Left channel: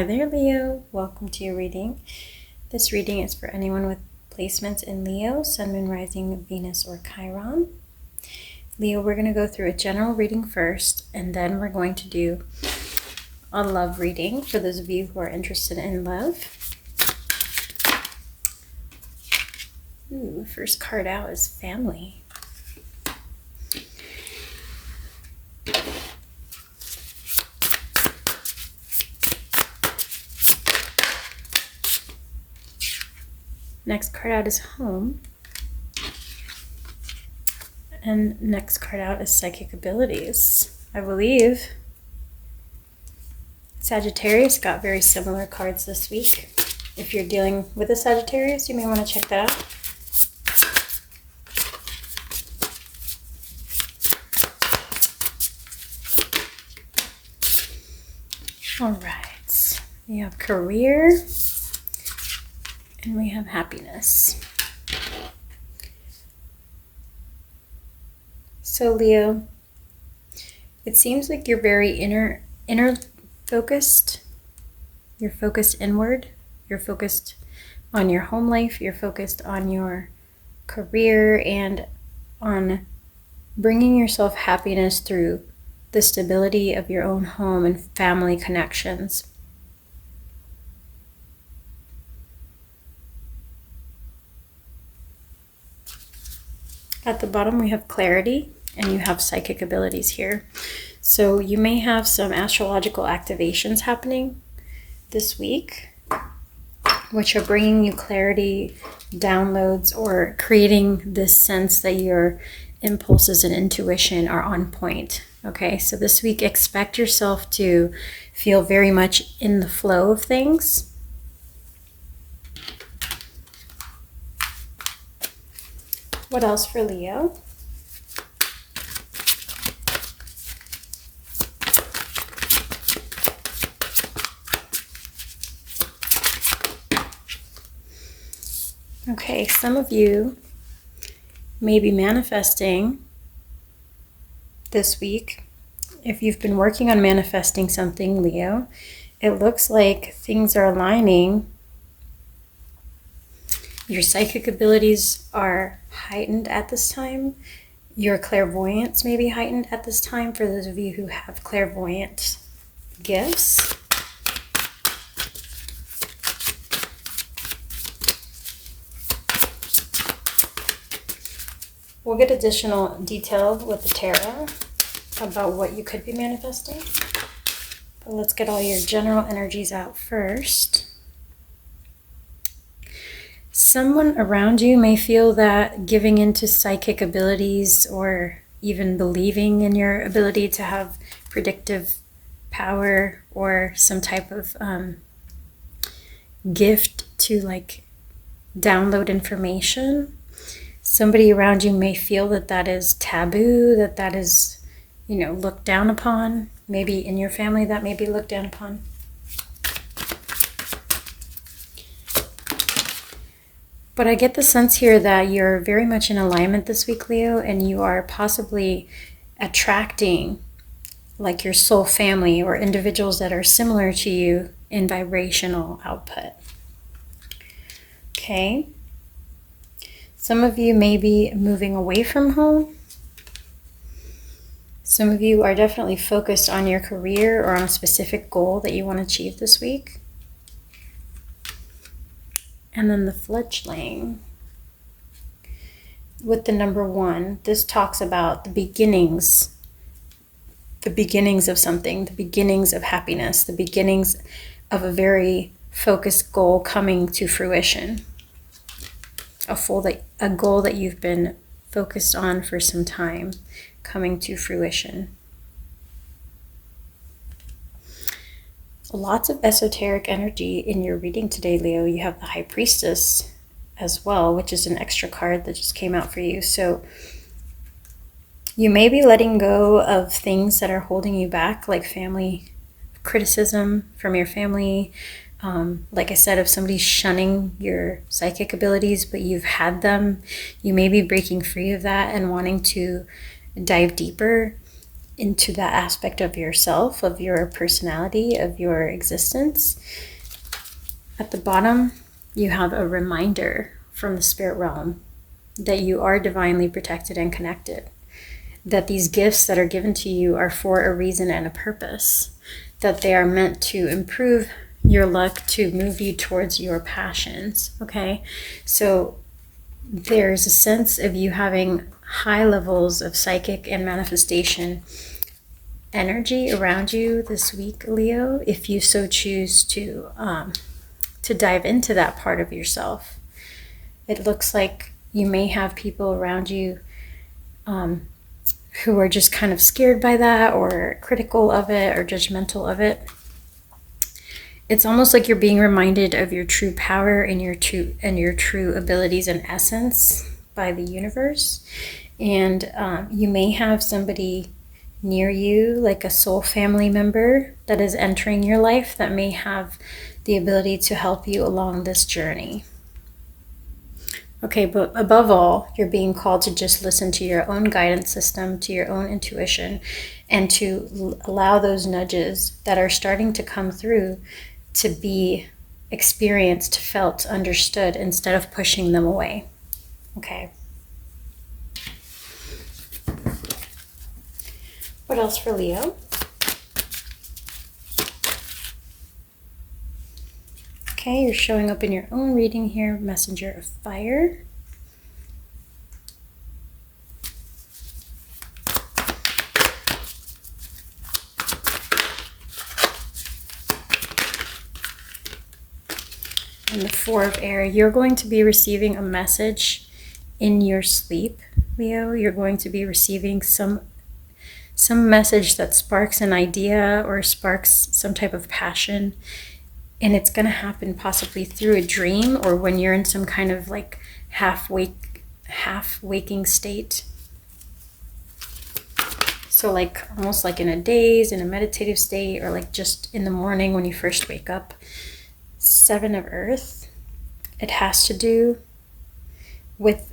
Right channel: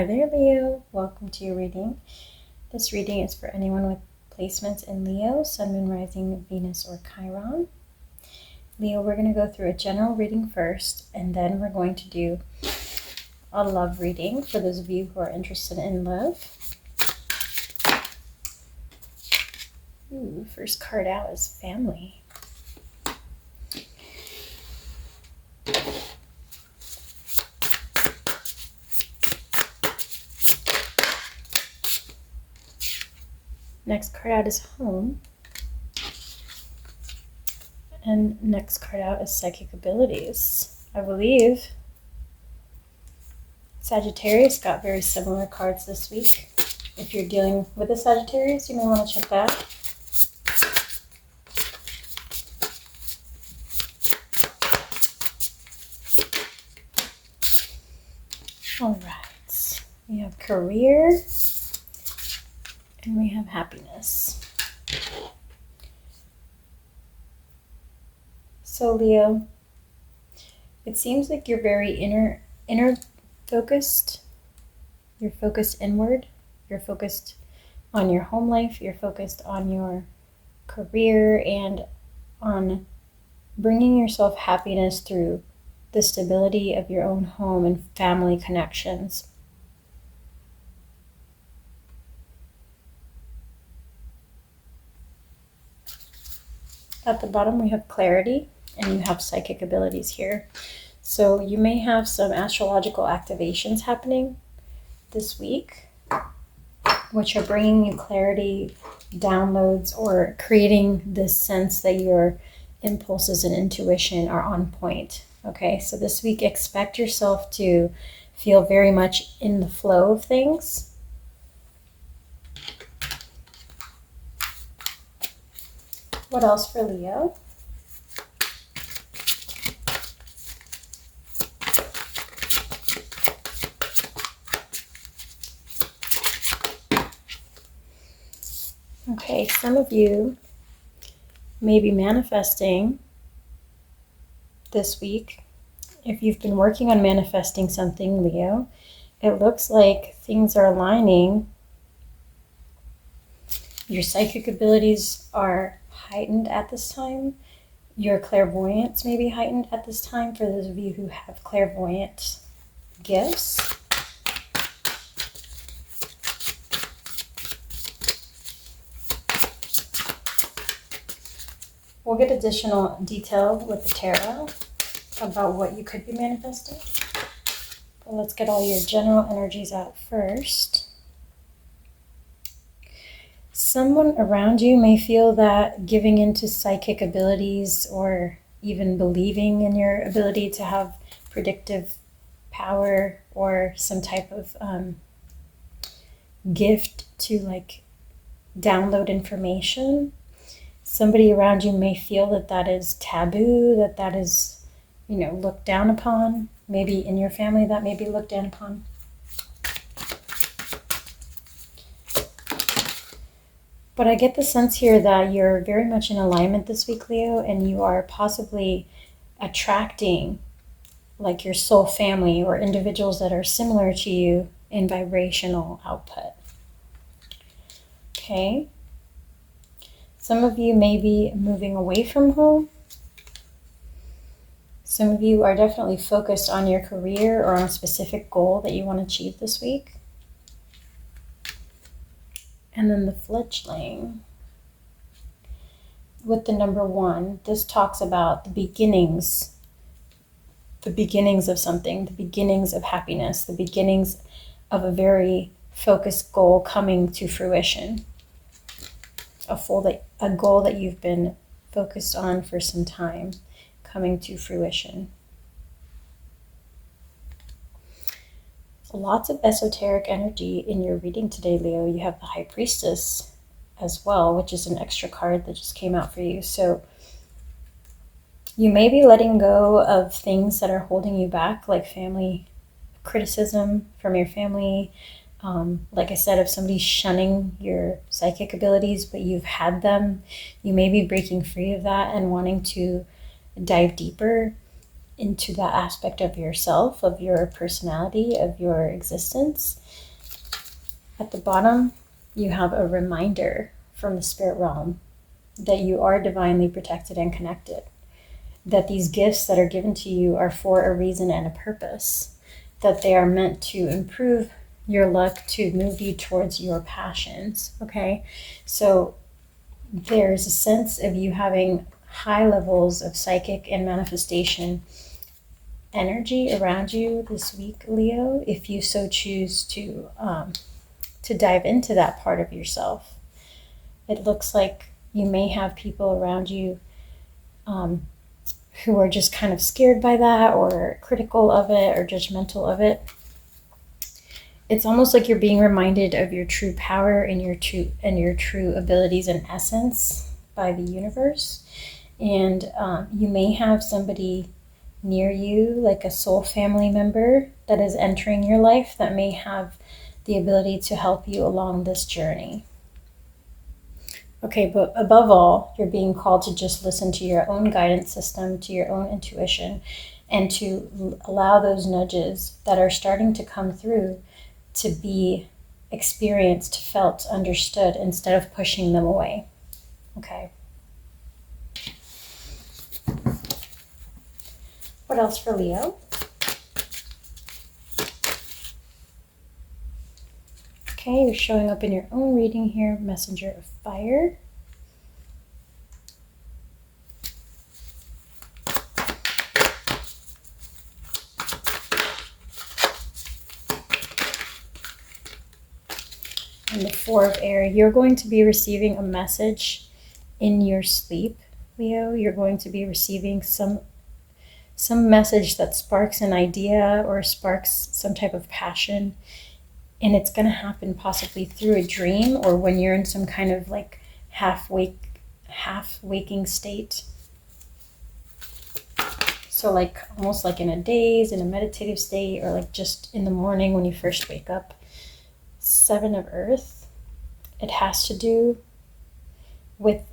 Hi there, Leo. Welcome to your reading. This reading is for anyone with placements in Leo, Sun, Moon, Rising, Venus, or Chiron. Leo, we're going to go through a general reading first, and then we're going to do a love reading for those of you who are interested in love. Ooh, first card out is family. Next card out is home. And next card out is psychic abilities. I believe Sagittarius got very similar cards this week. If you're dealing with a Sagittarius, you may want to check that out. All right, we have career and we have happiness. So Leo, it seems like you're very inner focused. You're focused inward. You're focused on your home life. You're focused on your career and on bringing yourself happiness through the stability of your own home and family connections. At the bottom, we have clarity, and you have psychic abilities here. So you may have some astrological activations happening this week, which are bringing you clarity, downloads, or creating this sense that your impulses and intuition are on point. Okay, so this week, expect yourself to feel very much in the flow of things. What else for Leo? Okay, some of you may be manifesting this week. If you've been working on manifesting something, Leo, it looks like things are aligning. Your psychic abilities are heightened at this time. Your clairvoyance may be heightened at this time for those of you who have clairvoyant gifts. We'll get additional detail with the tarot about what you could be manifesting. But let's get all your general energies out first. Someone around you may feel that giving into psychic abilities or even believing in your ability to have predictive power or some type of gift to like download information. Somebody around you may feel that that is taboo, that is, looked down upon. Maybe in your family that may be looked down upon. But I get the sense here that you're very much in alignment this week, Leo, and you are possibly attracting like your soul family or individuals that are similar to you in vibrational output. Okay. Some of you may be moving away from home. Some of you are definitely focused on your career or on a specific goal that you want to achieve this week. And then the fledgling with the number 1, this talks about the beginnings of something, the beginnings of happiness, the beginnings of a very focused goal coming to fruition, a goal that you've been focused on for some time coming to fruition. Lots of esoteric energy in your reading today, Leo. You have the High Priestess as well, which is an extra card that just came out for you. So you may be letting go of things that are holding you back, like family criticism from your family. Like I said, if somebody's shunning your psychic abilities, but you've had them, you may be breaking free of that and wanting to dive deeper into that aspect of yourself, of your personality, of your existence. At the bottom, you have a reminder from the spirit realm that you are divinely protected and connected, that these gifts that are given to you are for a reason and a purpose, that they are meant to improve your luck, to move you towards your passions, okay? So there's a sense of you having high levels of psychic and manifestation energy around you this week, Leo, if you so choose to dive into that part of yourself. It looks like you may have people around you who are just kind of scared by that, or critical of it, or judgmental of it. It's almost like you're being reminded of your true power and your true abilities and essence by the universe. And you may have somebody near you, like a soul family member that is entering your life, that may have the ability to help you along this journey. Okay, but above all, you're being called to just listen to your own guidance system, to your own intuition, and to allow those nudges that are starting to come through to be experienced, felt, understood, instead of pushing them away. Okay. What else for Leo? Okay, you're showing up in your own reading here, Messenger of Fire. And the Four of Air. You're going to be receiving a message in your sleep, Leo. You're going to be receiving some message that sparks an idea or sparks some type of passion. And it's going to happen possibly through a dream, or when you're in some kind of like half waking state. So like almost like in a daze, in a meditative state, or like just in the morning when you first wake up. Seven of Earth. It has to do with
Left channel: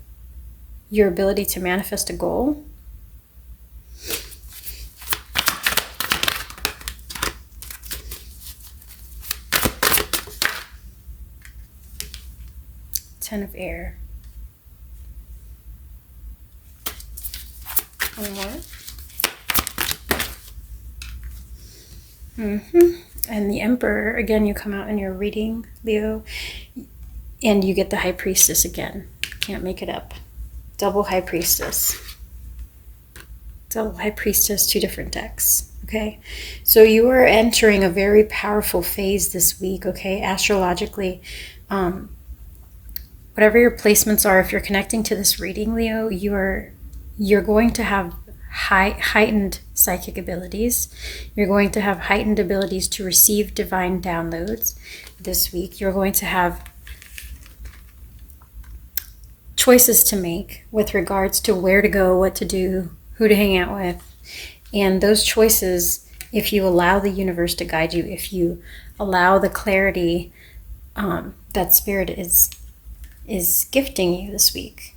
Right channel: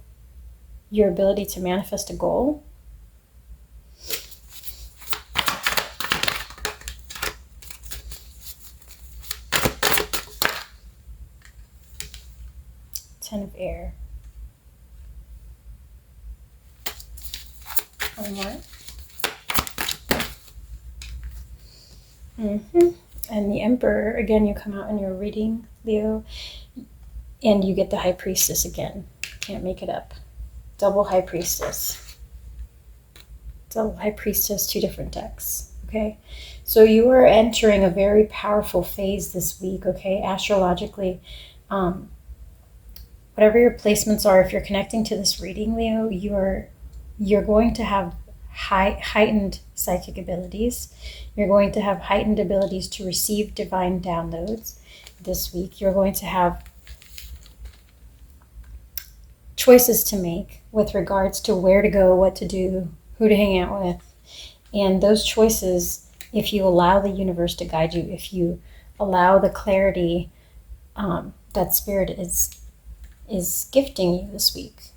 your ability to manifest a goal. Ten of Air. One more. And the Emperor, again, you come out in your reading, Leo, and you get the High Priestess again. Can't make it up. Double High Priestess. Double High Priestess, two different decks, okay? So you are entering a very powerful phase this week, okay, astrologically. Whatever your placements are, if you're connecting to this reading, Leo, you're going to have heightened psychic abilities. You're going to have heightened abilities to receive divine downloads this week. You're going to have choices to make with regards to where to go, what to do, who to hang out with. And those choices, if you allow the universe to guide you, if you allow the clarity that Spirit is gifting you this week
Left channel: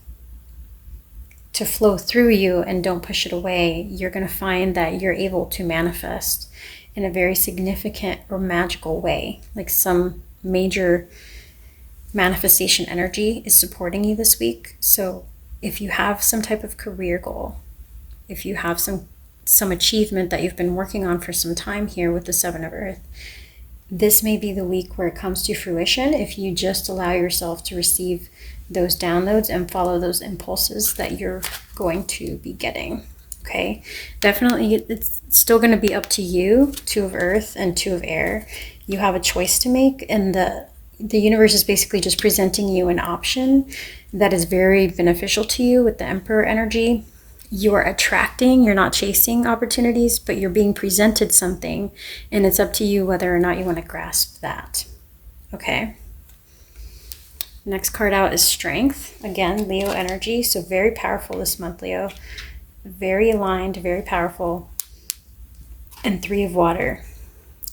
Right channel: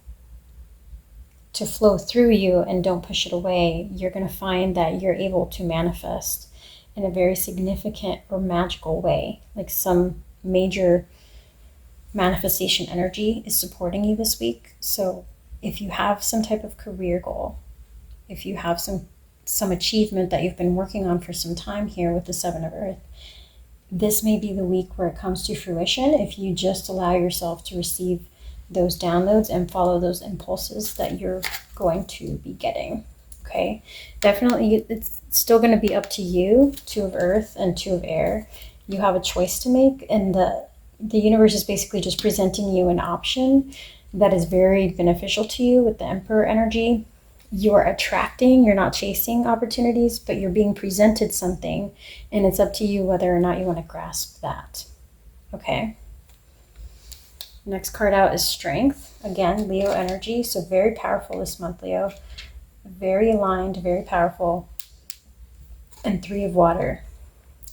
to flow through you, and don't push it away, you're going to find that you're able to manifest in a very significant or magical way. Like some major manifestation energy is supporting you this week. So if you have some type of career goal, if you have some achievement that you've been working on for some time here with the Seven of Earth, this may be the week where it comes to fruition if you just allow yourself to receive those downloads and follow those impulses that you're going to be getting. Okay, definitely it's still going to be up to you. Two of Earth and Two of Air. You have a choice to make, and the universe is basically just presenting you an option that is very beneficial to you with the Emperor energy. You're attracting, you're not chasing opportunities, but you're being presented something, and it's up to you whether or not you want to grasp that. Okay. Next card out is Strength. Again, Leo energy, so very powerful this month, Leo. Very aligned, very powerful. And Three of Water.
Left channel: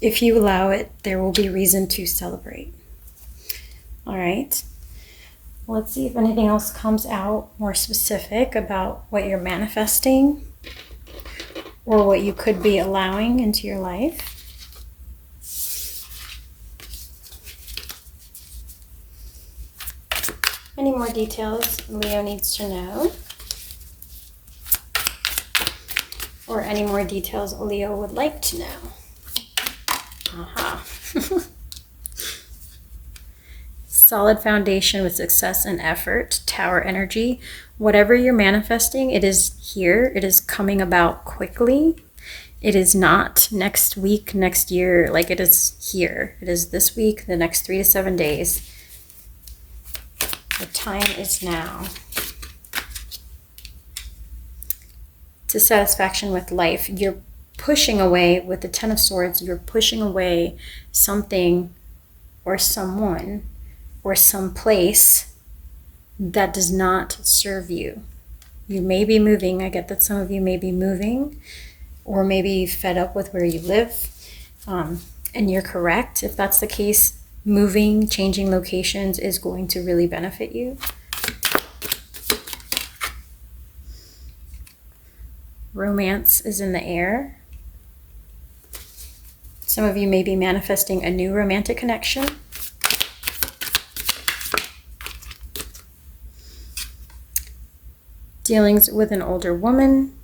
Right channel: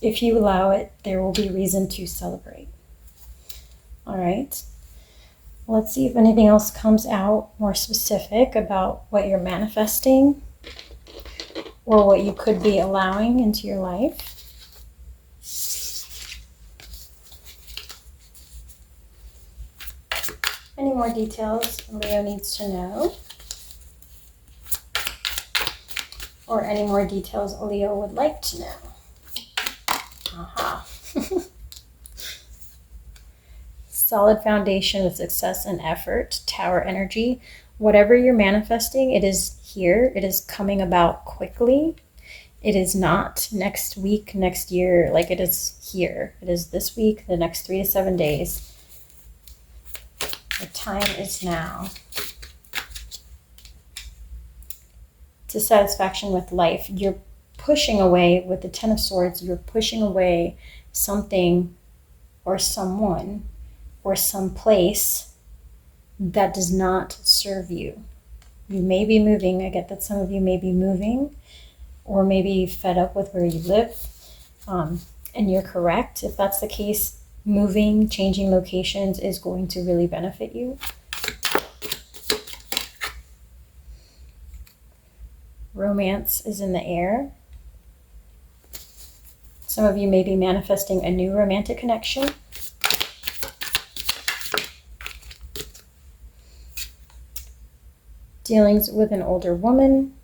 If you allow it, there will be reason to celebrate. All right. Let's see if anything else comes out more specific about what you're manifesting or what you could be allowing into your life. Any more details Leo needs to know? Or any more details Leo would like to know? Aha. Solid foundation with success and effort, Tower energy. Whatever you're manifesting, it is here. It is coming about quickly. It is not next week, next year. Like, it is here. It is this week, the next 3 to 7 days. The time is now. To satisfaction with life. You're pushing away, with the Ten of Swords, you're pushing away something or someone or some place that does not serve you. You may be moving. I get that some of you may be moving or maybe fed up with where you live. And you're correct. If that's the case, moving, changing locations is going to really benefit you. Romance is in the air. Some of you may be manifesting a new romantic connection. Dealings with an older woman.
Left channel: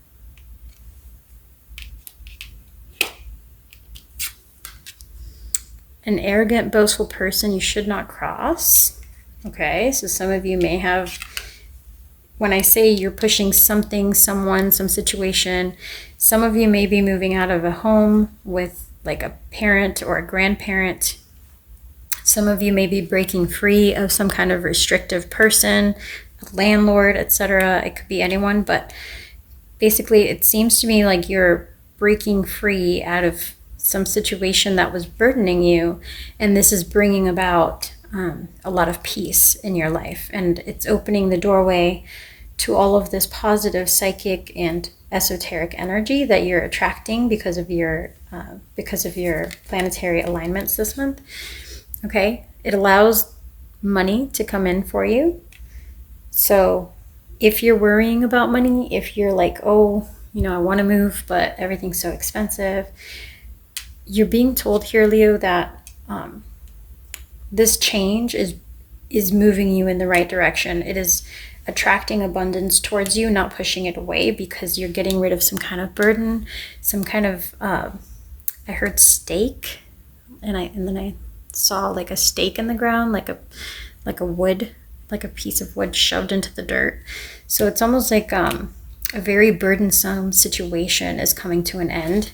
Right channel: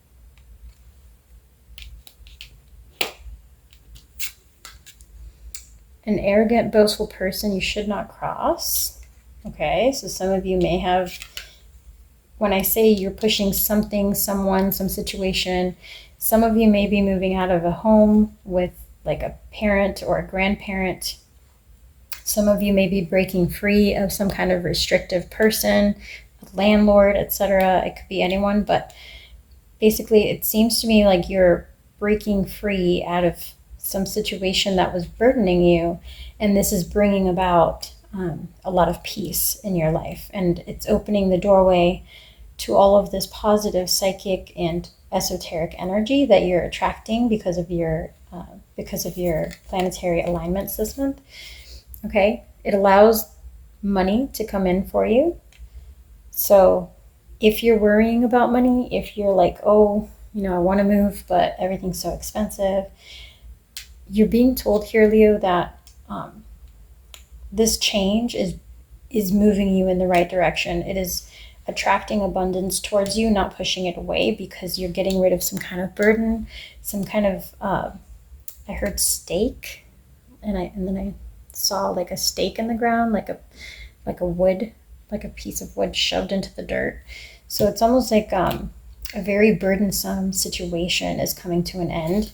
An arrogant, boastful person you should not cross. Okay, so some of you may have, when I say you're pushing something, someone, some situation, some of you may be moving out of a home with like a parent or a grandparent. Some of you may be breaking free of some kind of restrictive person, a landlord, etc. It could be anyone, but basically it seems to me like you're breaking free out of some situation that was burdening you, and this is bringing about a lot of peace in your life, and it's opening the doorway to all of this positive psychic and esoteric energy that you're attracting because of your planetary alignments this month. Okay, it allows money to come in for you. So if you're worrying about money, if you're like, oh, I want to move, but everything's so expensive, you're being told here, Leo, that this change is moving you in the right direction. It is attracting abundance towards you, not pushing it away, because you're getting rid of some kind of burden, some kind of I heard stake, and then I saw like a stake in the ground, like a wood, like a piece of wood shoved into the dirt. So it's almost like a very burdensome situation is coming to an end.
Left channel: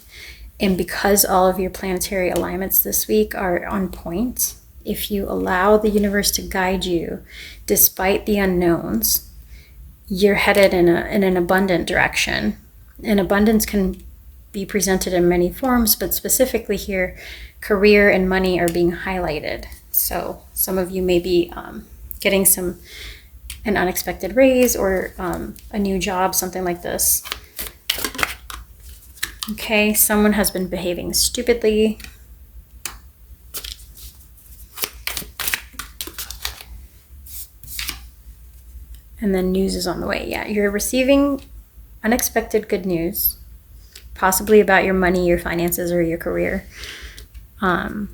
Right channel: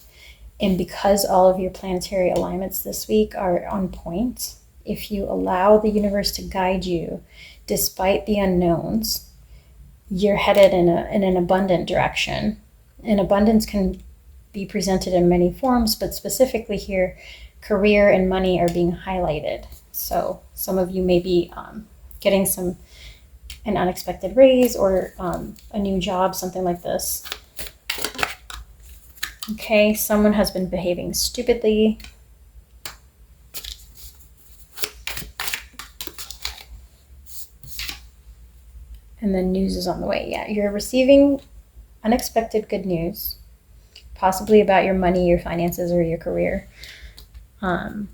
And because all of your planetary alignments this week are on point, if you allow the universe to guide you, despite the unknowns, you're headed in an abundant direction. And abundance can be presented in many forms, but specifically here, career and money are being highlighted. So some of you may be getting an unexpected raise or a new job, something like this. Okay, someone has been behaving stupidly. And then news is on the way. Yeah, you're receiving unexpected good news, possibly about your money, your finances, or your career. And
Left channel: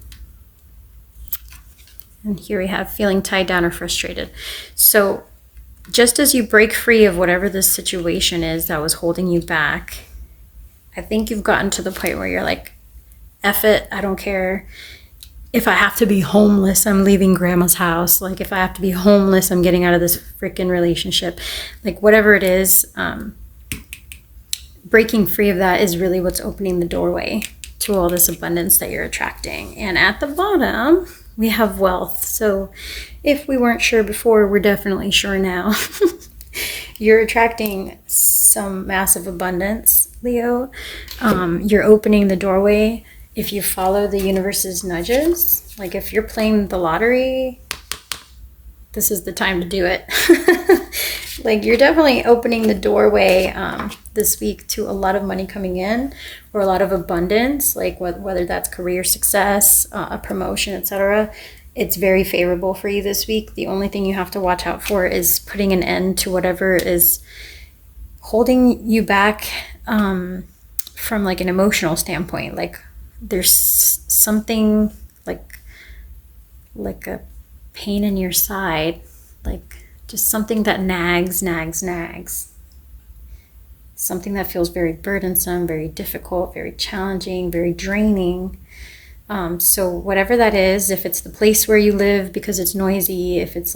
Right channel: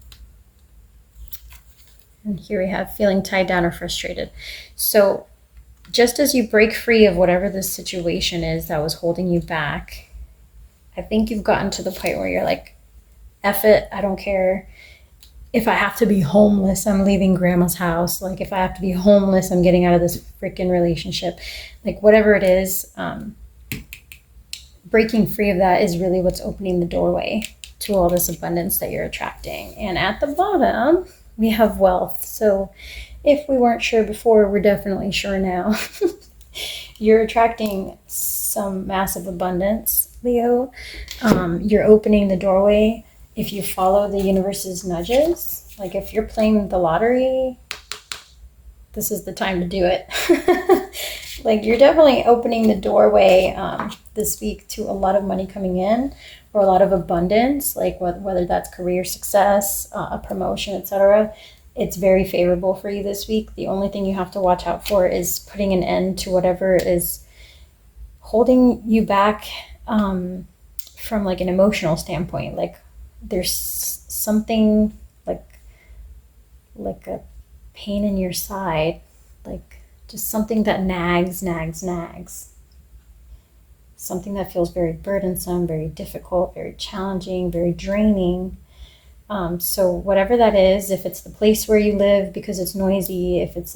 here we have feeling tied down or frustrated. So just as you break free of whatever this situation is that was holding you back, I think you've gotten to the point where you're like, F it, I don't care. If I have to be homeless, I'm leaving grandma's house. Like, if I have to be homeless, I'm getting out of this freaking relationship. Like, whatever it is, breaking free of that is really what's opening the doorway to all this abundance that you're attracting. And at the bottom, we have wealth. So if we weren't sure before, we're definitely sure now. You're attracting some massive abundance, Leo. You're opening the doorway. If you follow the universe's nudges, like if you're playing the lottery, this is the time to do it. Like, you're definitely opening the doorway this week to a lot of money coming in, or a lot of abundance, like whether that's career success, a promotion, etc. It's very favorable for you this week. The only thing you have to watch out for is putting an end to whatever is holding you back from like an emotional standpoint. Like there's something like a pain in your side, like just something that nags. Something that feels very burdensome, very difficult, very challenging, very draining. So whatever that is, if it's the place where you live because it's noisy, if it's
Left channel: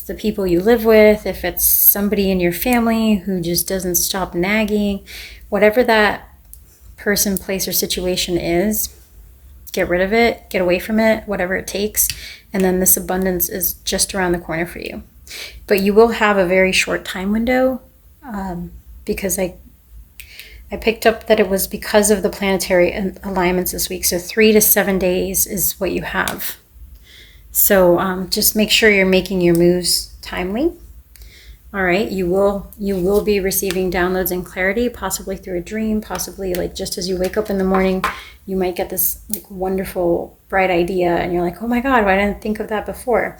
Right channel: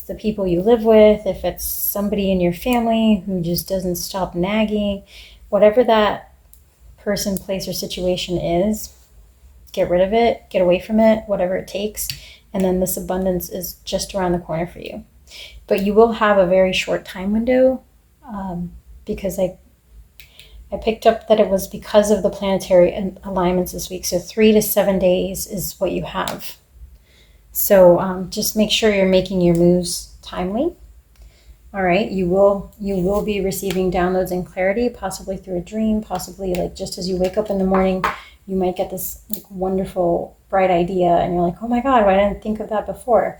the people you live with, if it's somebody in your family who just doesn't stop nagging, whatever that person, place, or situation is, get rid of it, get away from it, whatever it takes. And then this abundance is just around the corner for you. But you will have a very short time window, because I picked up that it was because of the planetary alignments this week. So 3 to 7 days is what you have. So just make sure you're making your moves timely. All right, you will be receiving downloads and clarity, possibly through a dream, possibly like just as you wake up in the morning, you might get this like wonderful bright idea and you're like, oh my God, why didn't I think of that before?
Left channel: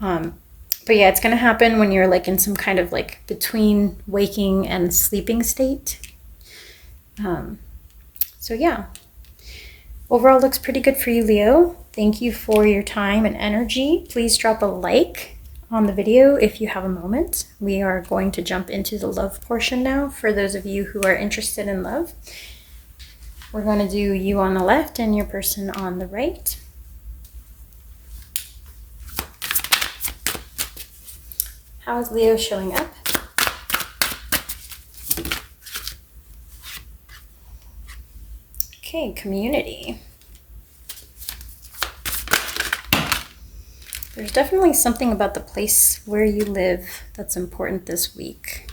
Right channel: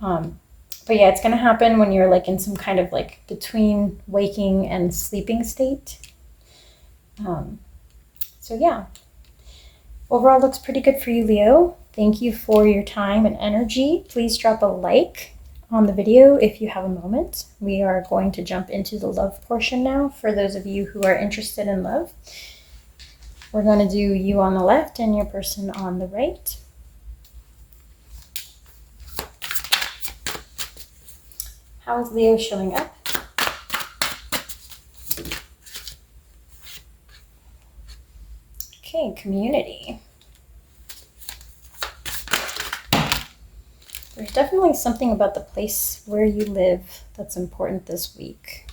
But yeah, it's going to happen when you're like in some kind of like between waking and sleeping state. So yeah, overall looks pretty good for you, Leo. Thank you for your time and energy. Please drop a like on the video if you have a moment. We are going to jump into the love portion now for those of you who are interested in love. We're going to do you on the left and your person on the right. How is Leo showing up? Okay, community. There's definitely something about the place where you live that's important this week.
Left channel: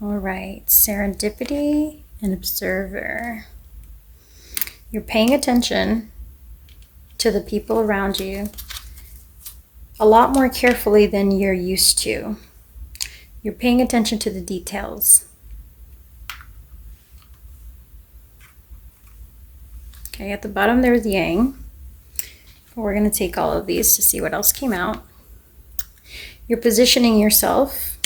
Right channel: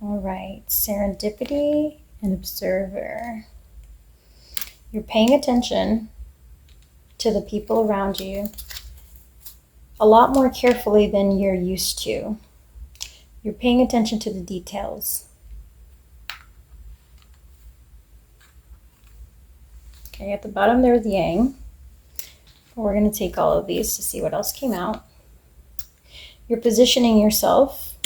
All right, serendipity and observer. You're paying attention to the people around you a lot more carefully than you're used to. You're paying attention to the details. Okay, at the bottom there's yang. We're going to take all of these to see what else came out. You're positioning yourself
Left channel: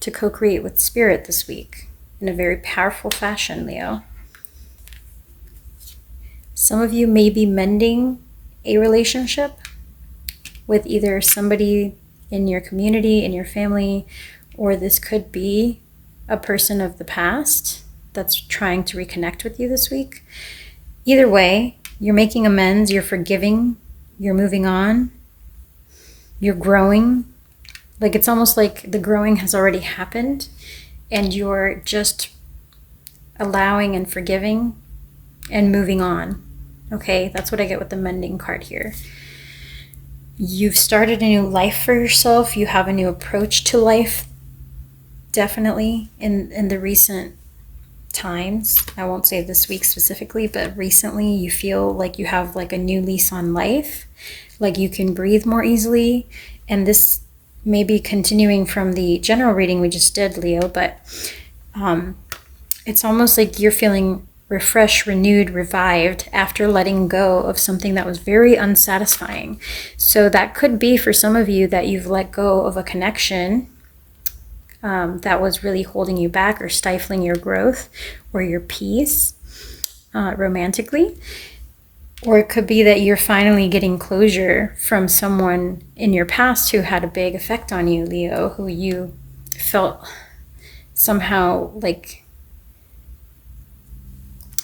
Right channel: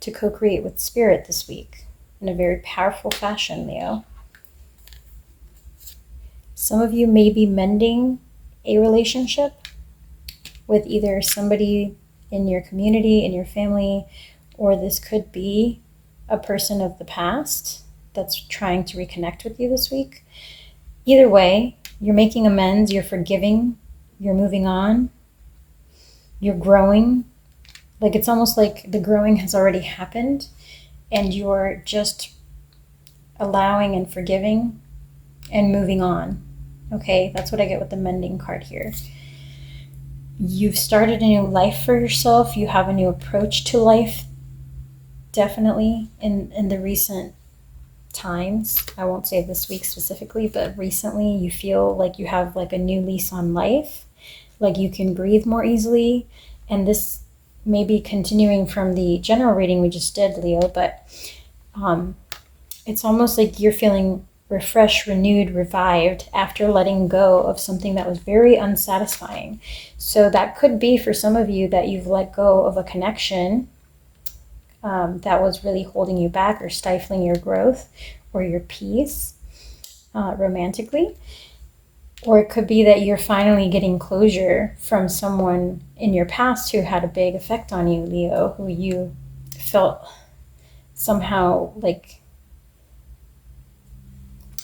to co-create with spirit this week in a very powerful fashion, Leo. Some of you may be mending a relationship with either somebody in your community, in your family, or this could be a person of the past that's trying to reconnect with you this week. Either way, you're making amends, you're forgiving, you're moving on, you're growing. Like it's almost like the growing has already happened and you're just allowing and forgiving and moving on. Okay, that's what I get with the mending card here. You've started a new life for yourself. You have a new approach to life, definitely in the recent times. I won't say this week specifically, but recently you feel like you have like a new lease on life, like you can breathe more easily. And this may be continuing from the general reading we just did, Leo, but it's almost like you're feeling refreshed, renewed, revived after letting go of something that was very unsatisfying. So that could be for some of you that you've let go of a connection that was really holding you back or stifling your growth or your peace romantically. Or it could be that you're finally getting closure from someone in your past who had a big effect on you, Leo, who you felt somehow like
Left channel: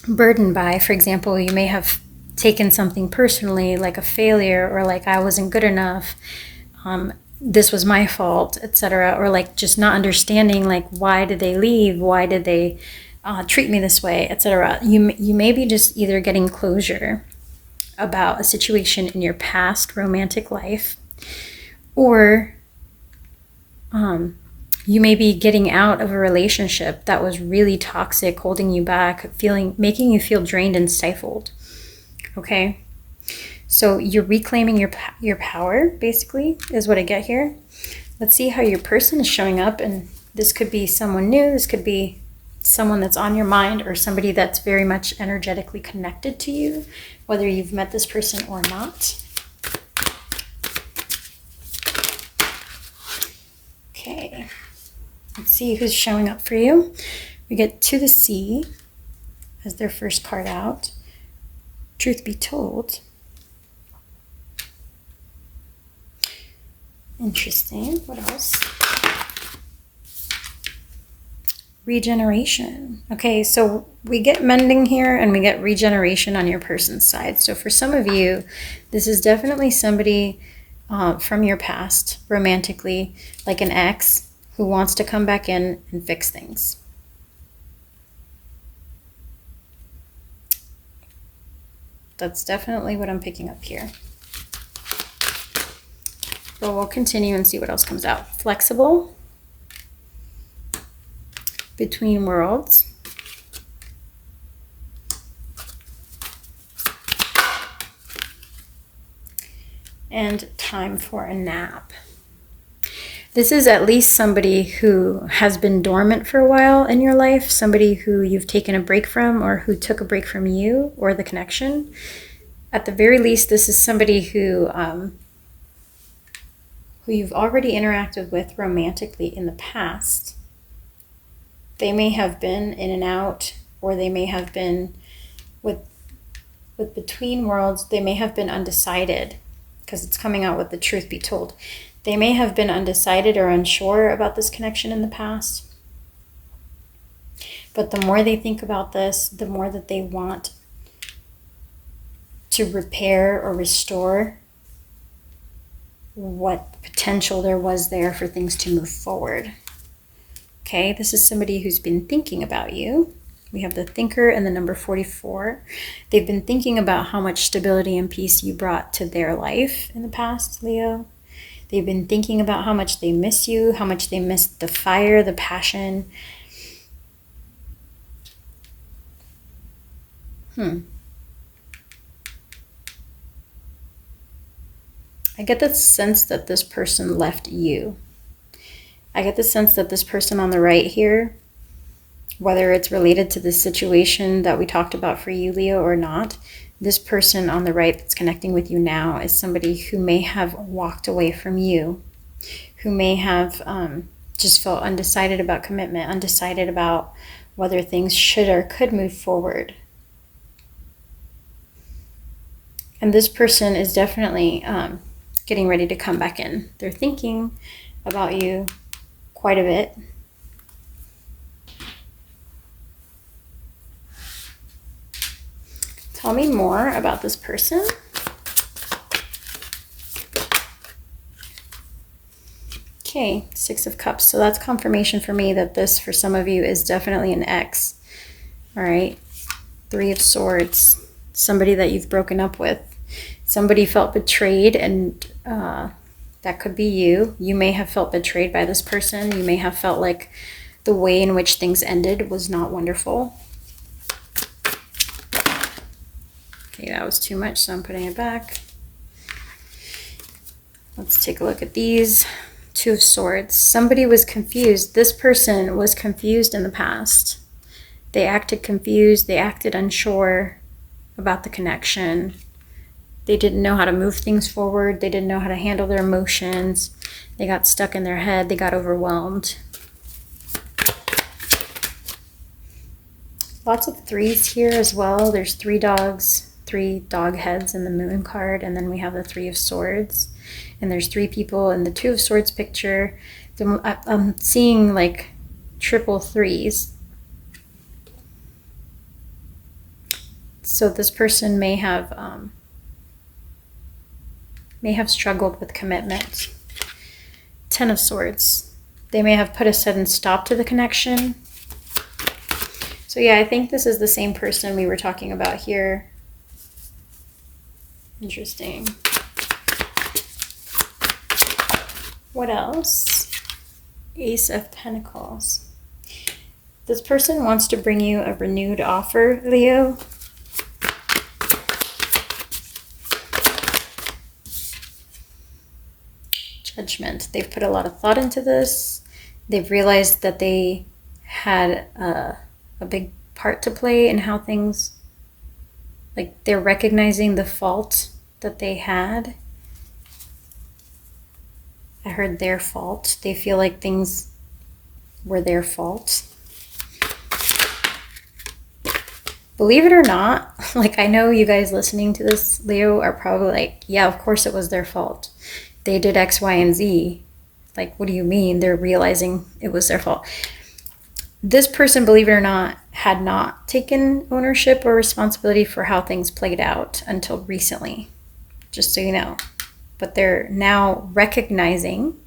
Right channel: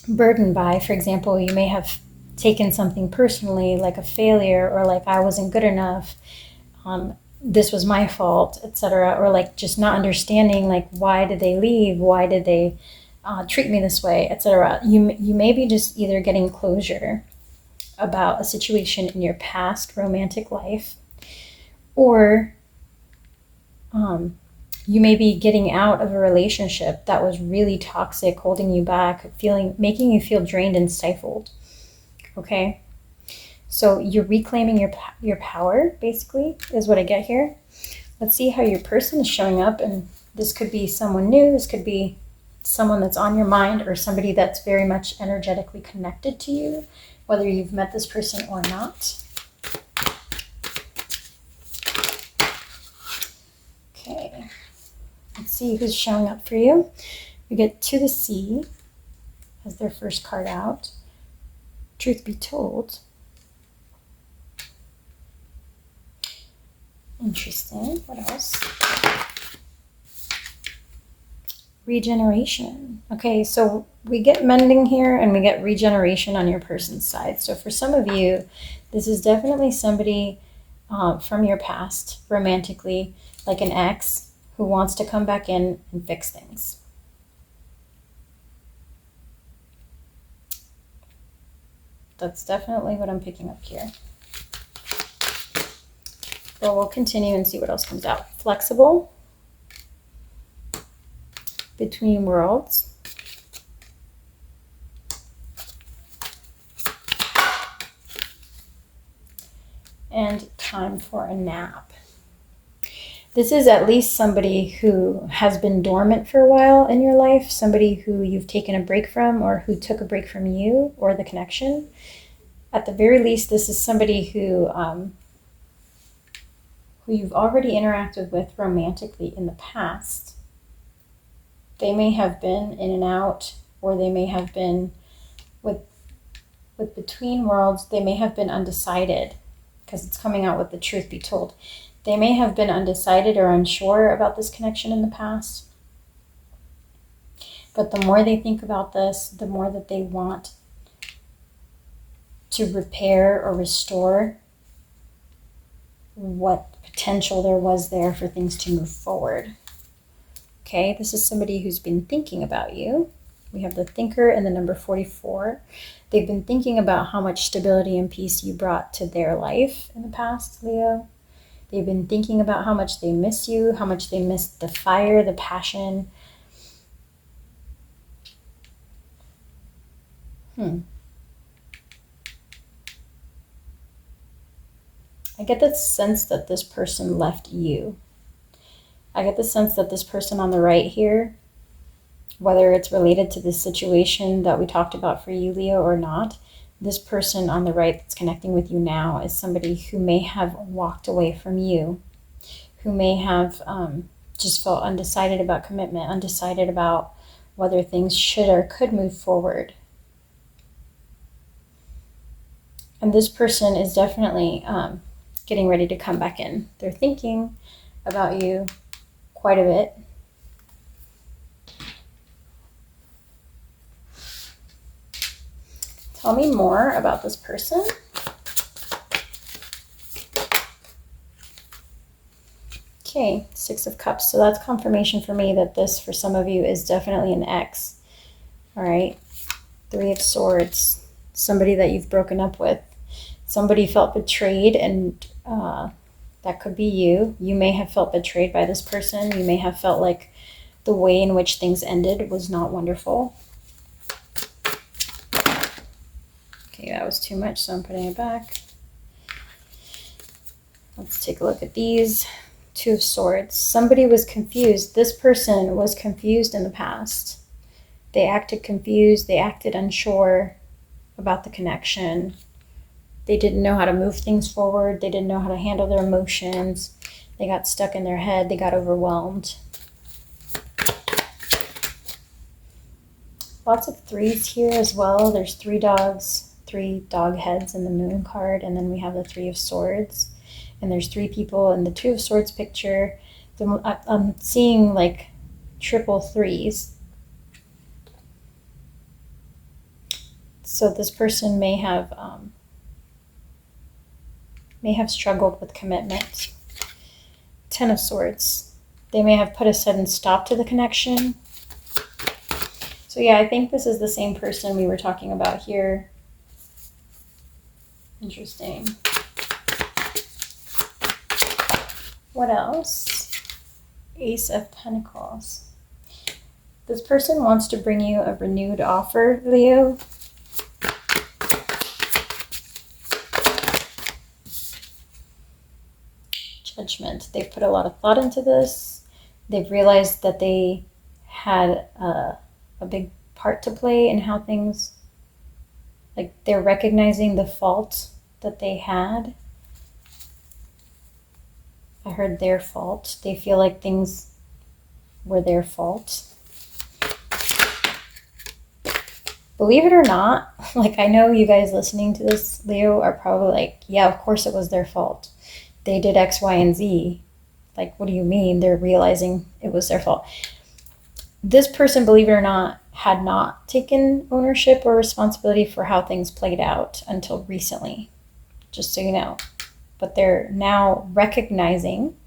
burdened by. For example, you may have taken something personally, like a failure, or like I wasn't good enough, this was my fault, etc. Or like just not understanding, like why did they leave, why did they treat me this way, etc. You may be just either getting closure about a situation in your past romantic life, or you may be getting out of a relationship that was really toxic, holding you back, making you feel drained and stifled. Okay, so you're reclaiming your power, basically, is what I get here. Let's see how your person is showing up, and this could be someone new, this could be someone that's on your mind, or somebody that's very much energetically connected to you, whether you've met this person or not. Okay. Let's see who's showing up for you. We get to the sea as their first card out. Truth be told. Interesting. What else? Regeneration. Okay, so we get mending here and we get regeneration on your person's side. So for some of you, this is definitely somebody from your past, romantically, like an ex who wants to come back in and fix things. That's definitely what I'm picking up here. But we'll continue and see what else comes out. Flexible. Between worlds. And time for a nap. This is at least somebody who has been dormant for a while in your life, somebody who you've taken a break from or who took a break from you or the connection. At the very least, this is somebody who you've already interacted with romantically in the past. They may have been in and out, or they may have been with between worlds, they may have been undecided, because it's coming out with the truth be told. They may have been undecided or unsure about this connection in the past. But the more they think about this, the more that they want to repair or restore what potential there was there for things to move forward. Okay, this is somebody who's been thinking about you. We have the thinker and the number 44. They've been thinking about how much stability and peace you brought to their life in the past, Leo. They've been thinking about how much they miss you, how much they miss the fire, the passion. I get the sense that this person left you. I get the sense that this person on the right here, whether it's related to the situation that we talked about for you, Leo, or not, this person on the right that's connecting with you now is somebody who may have walked away from you, who may have just felt undecided about commitment, undecided about whether things should or could move forward. And this person is definitely getting ready to come back in. They're thinking about you quite a bit. Tell me more about this person. Okay, 6 of Cups. So that's confirmation for me that this, for some of you, is definitely an ex. All right, 3 of Swords. Somebody that you've broken up with. Somebody felt betrayed, and that could be you. You may have felt betrayed by this person. You may have felt like the way in which things ended was not wonderful. Okay, that was too much, so I'm putting it back. Let's take a look at these. 2 of Swords. Somebody was confused. This person was confused in the past. They acted confused. They acted unsure about the connection. They didn't know how to move things forward. They didn't know how to handle their emotions. They got stuck in their head. They got overwhelmed. Lots of 3s here as well. There's 3 dogs, 3 dog heads in the Moon card, and then we have the 3 of Swords. And there's 3 people in the 2 of Swords picture. I'm seeing like triple 3s. So this person may have struggled with commitment. 10 of Swords. They may have put a sudden stop to the connection. So yeah, I think this is the same person we were talking about here. Interesting. What else? Ace of Pentacles. This person wants to bring you a renewed offer, Leo. Judgment. They've put a lot of thought into this. They've realized that they had a big part to play in how things, like they're recognizing the fault that they had. I heard their fault. They feel like things were their fault. Believe it or not, like I know you guys listening to this, Leo, are probably like, yeah, of course it was their fault. They did X, Y, and Z. Like, what do you mean? They're realizing it was their fault. This person, believe it or not, had not taken ownership or responsibility for how things played out until recently, just so you know. But they're now recognizing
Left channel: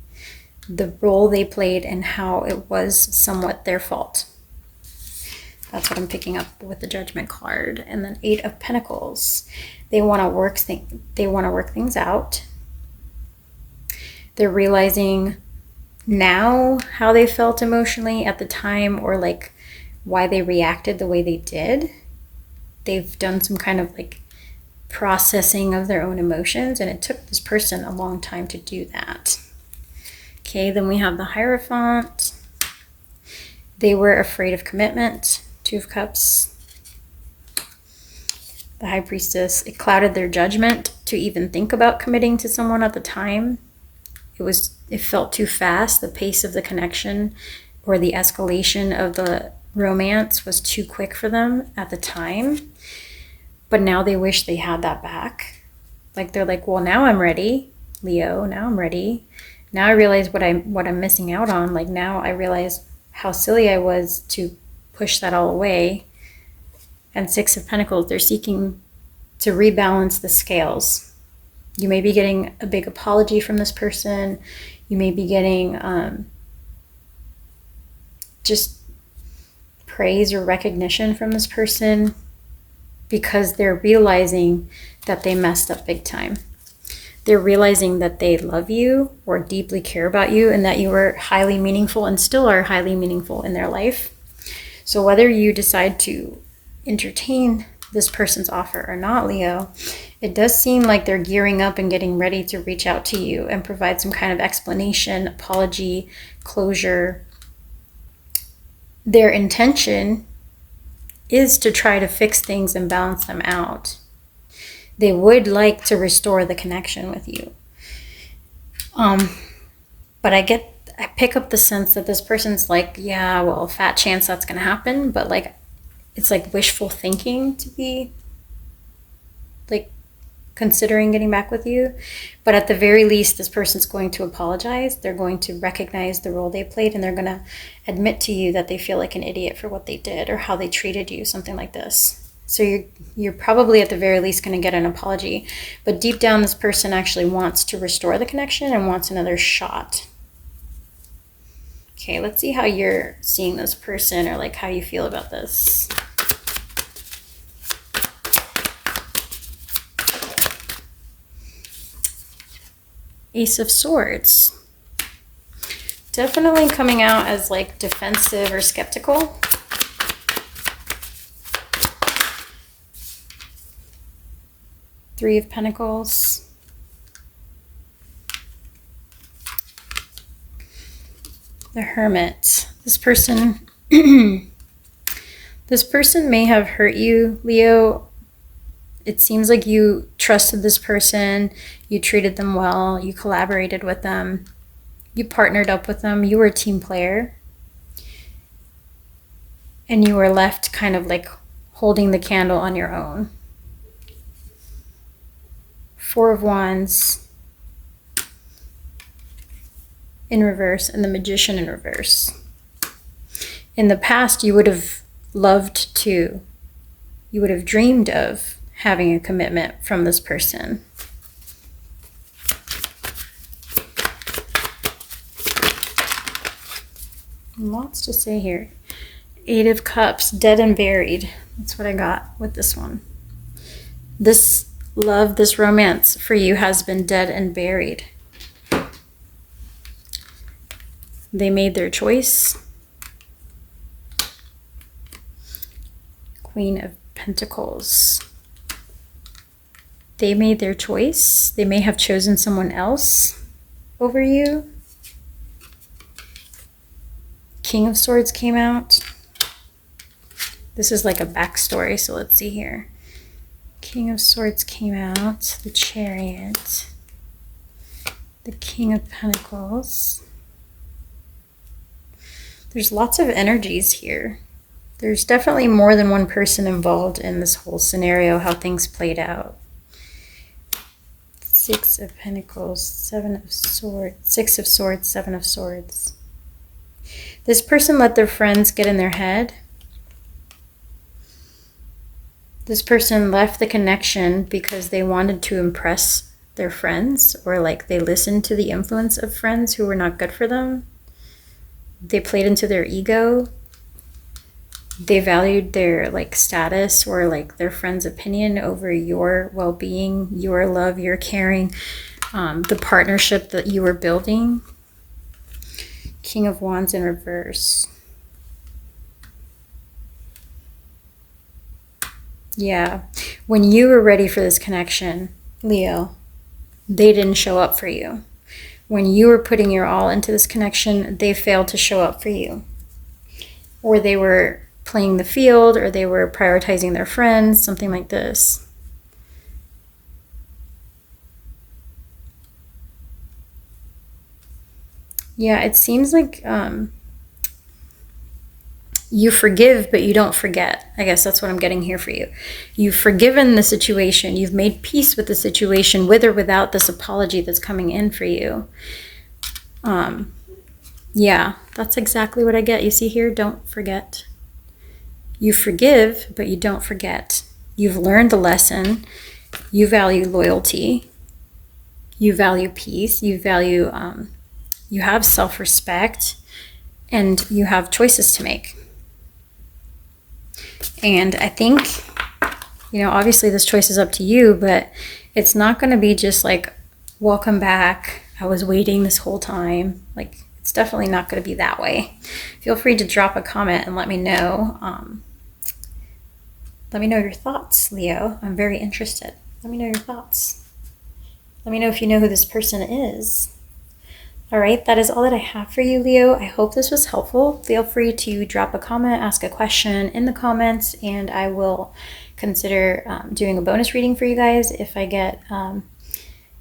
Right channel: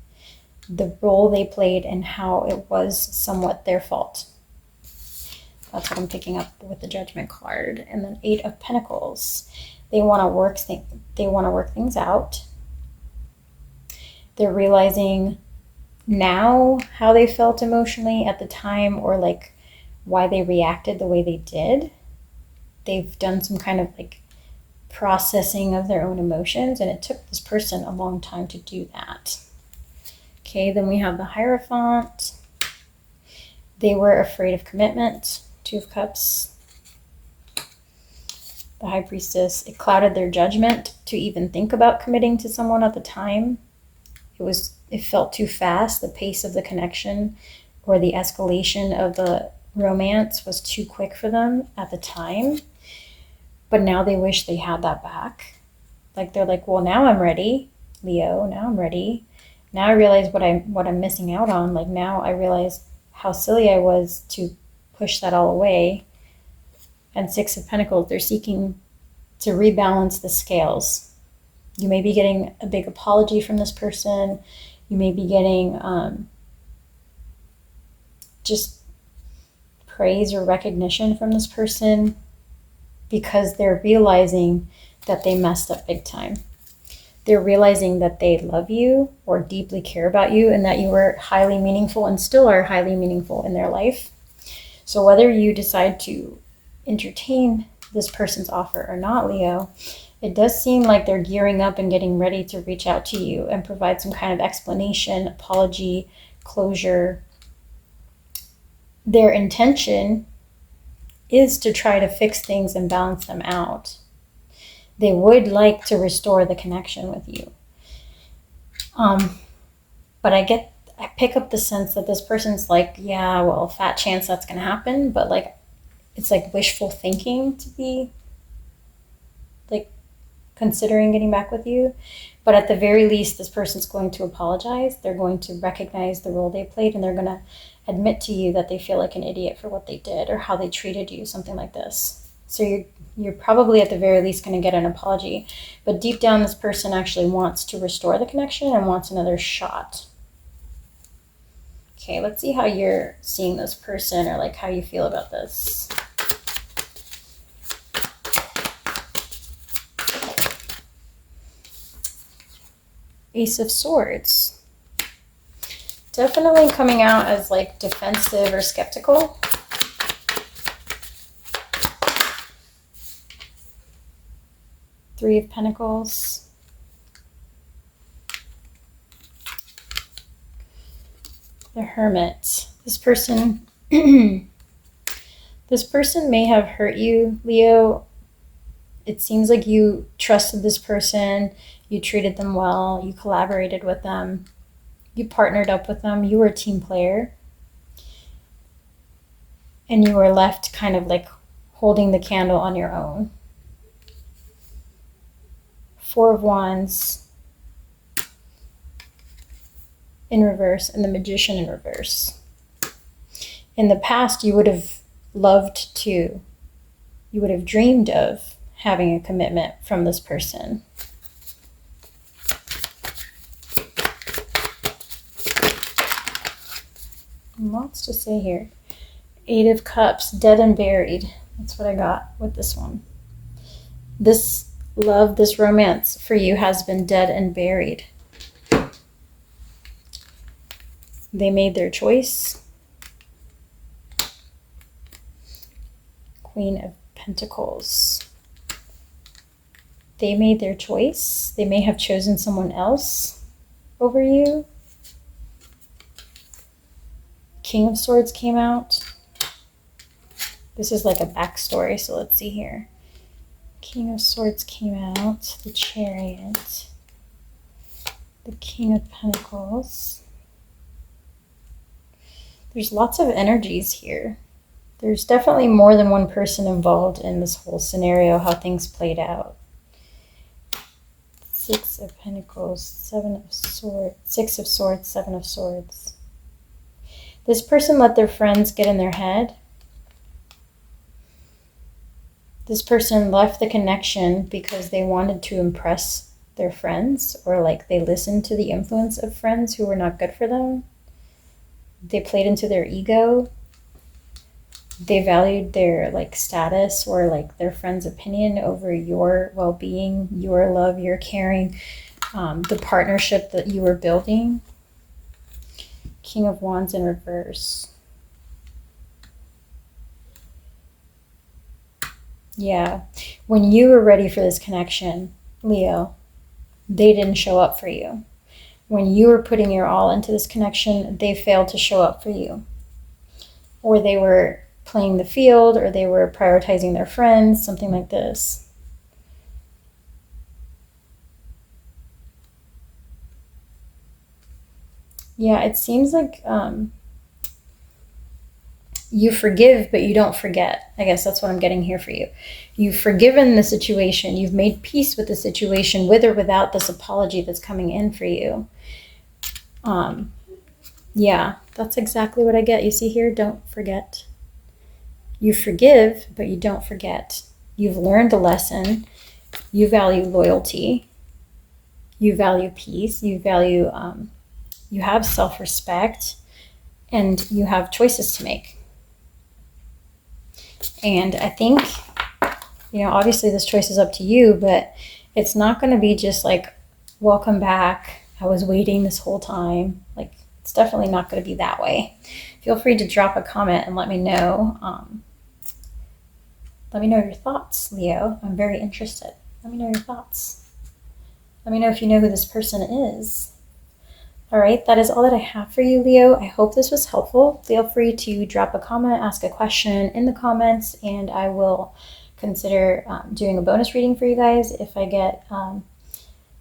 the role they played and how it was somewhat their fault. That's what I'm picking up with the Judgment card. And then 8 of Pentacles. They want to work things out. They're realizing now how they felt emotionally at the time, or like why they reacted the way they did. They've done some kind of like processing of their own emotions, and it took this person a long time to do that. Okay, then we have the Hierophant. They were afraid of commitment. 2 of Cups. The High Priestess. It clouded their judgment to even think about committing to someone at the time. It felt too fast. The pace of the connection or the escalation of the romance was too quick for them at the time. But now they wish they had that back. Like they're like, well, now I'm ready, Leo. Now I'm ready. Now I realize what I'm missing out on. Like now I realize how silly I was to push that all away. And 6 of Pentacles, they're seeking to rebalance the scales. You may be getting a big apology from this person. You may be getting just praise or recognition from this person because they're realizing that they messed up big time. They're realizing that they love you or deeply care about you and that you were highly meaningful and still are highly meaningful in their life. So whether you decide to entertain this person's offer or not, Leo, it does seem like they're gearing up and getting ready to reach out to you and provide some kind of explanation, apology, closure. Their intention is to try to fix things and balance them out. They would like to restore the connection with you. But I pick up the sense that this person's like, yeah, well, fat chance that's going to happen. But like, it's like wishful thinking to be like considering getting back with you. But at the very least, this person's going to apologize. They're going to recognize the role they played, and they're going to admit to you that they feel like an idiot for what they did or how they treated you, something like this. So you're probably at the very least going to get an apology. But deep down, this person actually wants to restore the connection and wants another shot. Okay, let's see how you're seeing this person, or like how you feel about this. Ace of Swords. Definitely coming out as like defensive or skeptical. Three of Pentacles. The Hermit. This person may have hurt you, Leo. It seems like you trusted this person, you treated them well, you collaborated with them, you partnered up with them, you were a team player. And you were left kind of like holding the candle on your own. 4 of Wands in reverse and the Magician in reverse. In the past, you would have dreamed of having a commitment from this person. Lots to say here. 8 of Cups, dead and buried. That's what I got with this one. This love, this romance for you has been dead and buried. They made their choice. Queen of Pentacles. They made their choice. They may have chosen someone else over you. King of Swords came out. This is like a backstory, so let's see here. King of Swords came out. The Chariot. The King of Pentacles. There's lots of energies here. There's definitely more than one person involved in this whole scenario, how things played out. 6 of Pentacles, 7 of Swords, 6 of Swords, 7 of Swords. This person let their friends get in their head. This person left the connection because they wanted to impress their friends, or like they listened to the influence of friends who were not good for them. They played into their ego. They valued their like status or like their friend's opinion over your well-being, your love, your caring, the partnership that you were building. King of Wands in reverse. Yeah, when you were ready for this connection, Leo, they didn't show up for you. When you were putting your all into this connection, they failed to show up for you. Or they were playing the field, or they were prioritizing their friends, something like this. Yeah, it seems like you forgive, but you don't forget. I guess that's what I'm getting here for you. You've forgiven the situation. You've made peace with the situation, with or without this apology that's coming in for you. Yeah, that's exactly what I get. You see here, don't forget. You forgive, but you don't forget. You've learned the lesson. You value loyalty. You value peace. You value, you have self-respect, and you have choices to make. And I think, you know, obviously this choice is up to you, but it's not going to be just like, welcome back, I was waiting this whole time. Like, it's definitely not going to be that way. Feel free to drop a comment and let me know. Let me know your thoughts, Leo. I'm very interested. Let me know your thoughts. Let me know if you know who this person is. All right, that is all that I have for you, Leo. I hope this was helpful. Feel free to drop a comment, ask a question in the comments, and I will consider doing a bonus reading for you guys if I get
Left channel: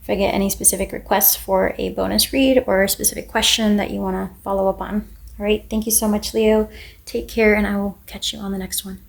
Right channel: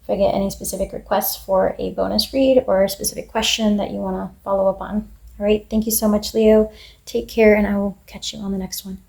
any specific requests for a bonus read or a specific question that you want to follow up on. All right, thank you so much, Leo. Take care, and I will catch you on the next one.